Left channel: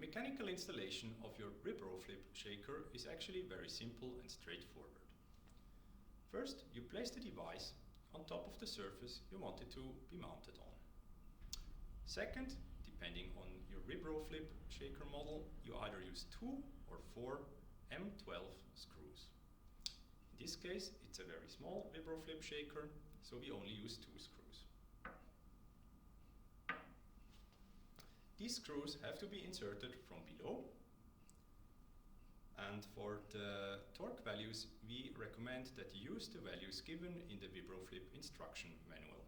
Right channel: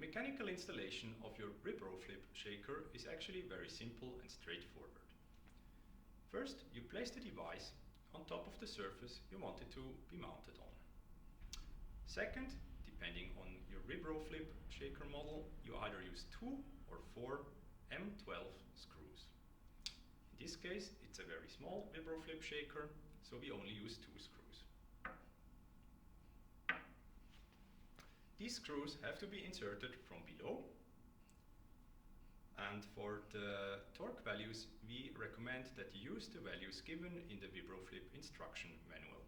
The mechanical installation of your VibroFlip Shaker is actually very simple and straightforward. First, you place the device on top of the surface you want it to be mounted on. Second, depending on your VibroFlip Shaker model, you either use 2 or 4 M12 screws. In this case, it's a very small VibroFlip Shaker, so we only use 2 screws. These screws have to be inserted from below, and for the torque values we recommend that you use the values given in the VibroFlip instruction manual.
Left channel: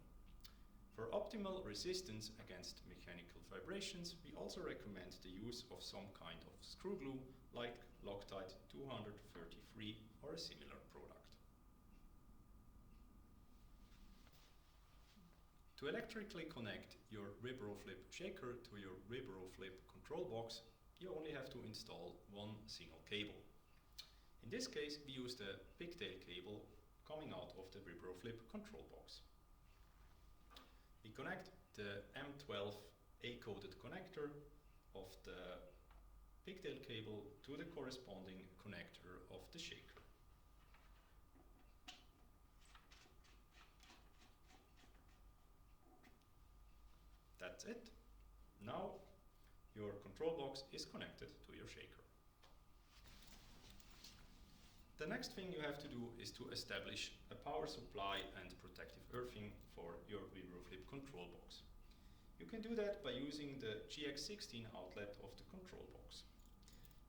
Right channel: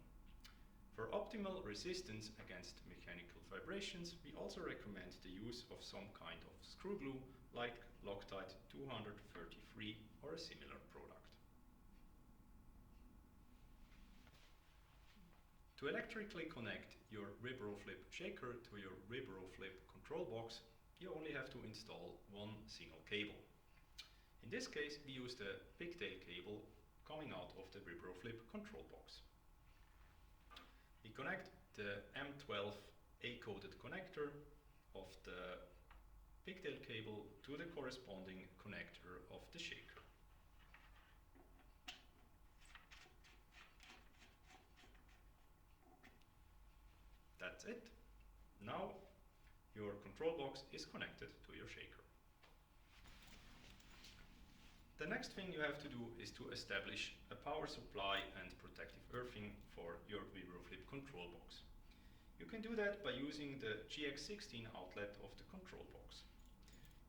For optimal resistance against mechanical vibrations, we also recommend the use of some kind of screw glue like Loctite 233 or a similar product. To electrically connect your VibroFlip Shaker to your VibroFlip control box, you only have to install one single cable. In this case, we use the pigtail cable coming out of the VibroFlip control box. We connect the M12 A-coded connector of the pigtail cable to the corresponding connector of the shaker. That's it. Now your control box is connected to your shaker. The next thing you have to do is to establish a power supply and protective earthing for your VibroFlip control box. You can do that by using the GX16 outlet of the control box.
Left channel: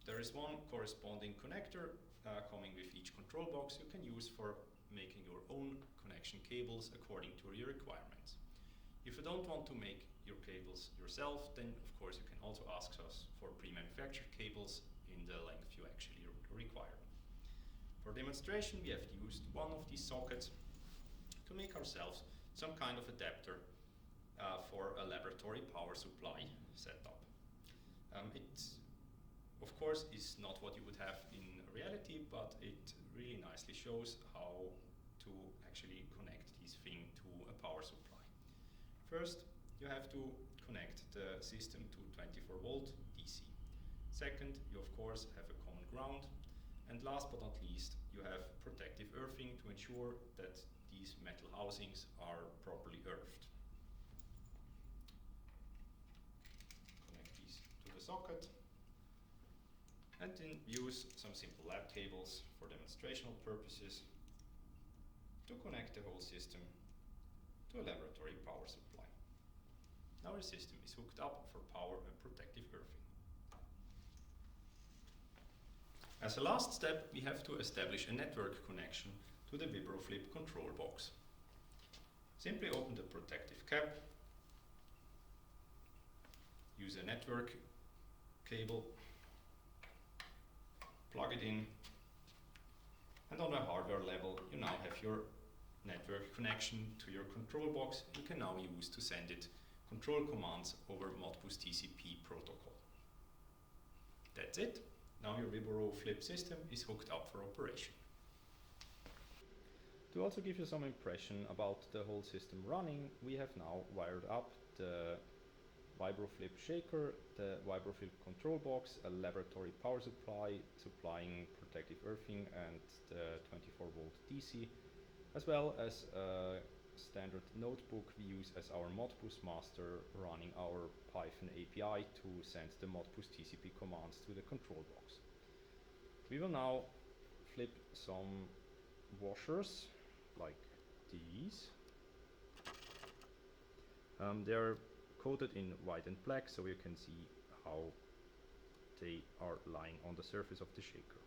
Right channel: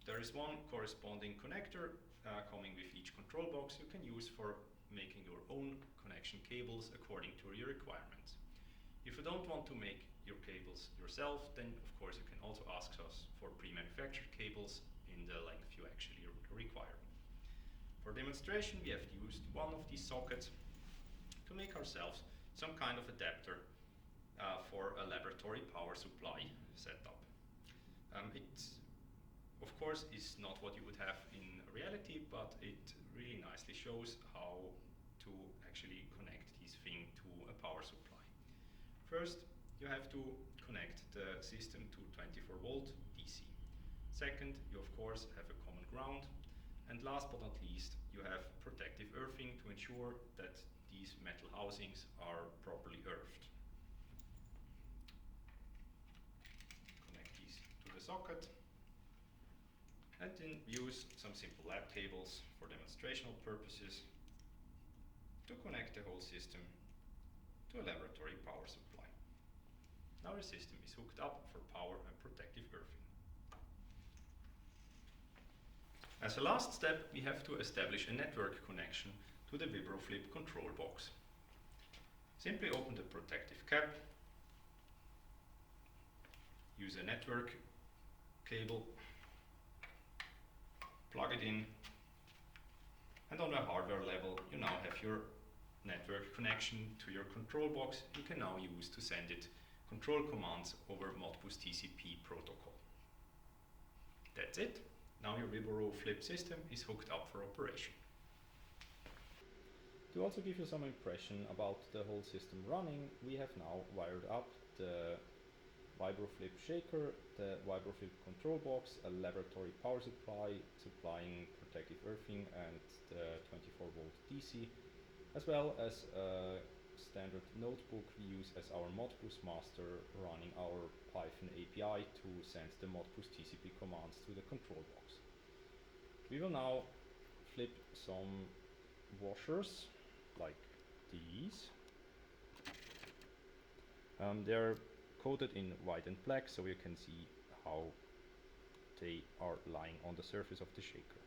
There is one corresponding connector coming with each control box you can use for making your own connection cables according to your requirements. If you don't want to make your cables yourself, then of course you can also ask us for pre-manufactured cables in the length you actually require. For demonstration, we have used one of these sockets to make ourselves some kind of adapter for a laboratory power supply setup. It, of course, is not what you would have in reality, but it really nicely shows how to actually connect this thing to a power supply. First, you have to connect the system to 24 volt DC. Second, you of course have a common ground. And last but not least, you have protective earthing to ensure that these metal housings are properly earthed. Connect these to the socket and then use some simple lab cables for demonstrational purposes to connect the whole system to a laboratory power supply. Now your system is hooked up for power and protective earthing. As a last step, we have to establish a network connection to the VibroFlip control box. Simply open the protective cap, use a network cable, plug it in, and on the hardware level you now have your network connection to your control box. You can now use to send it control commands over Modbus TCP protocol. That's it. Now your VibroFlip system is hooked up for operation. To also give you some impression about the whole system running, we have now wired up the VibroFlip Shaker, the VibroFlip control box, a laboratory power supply supplying protective earthing and the 24 volt DC, as well as a standard notebook we use as our Modbus master, running our Python API to send the Modbus TCP commands to the control box. We will now flip some washers like these. They're coated in white and black, so you can see how they are lying on the surface of the shaker.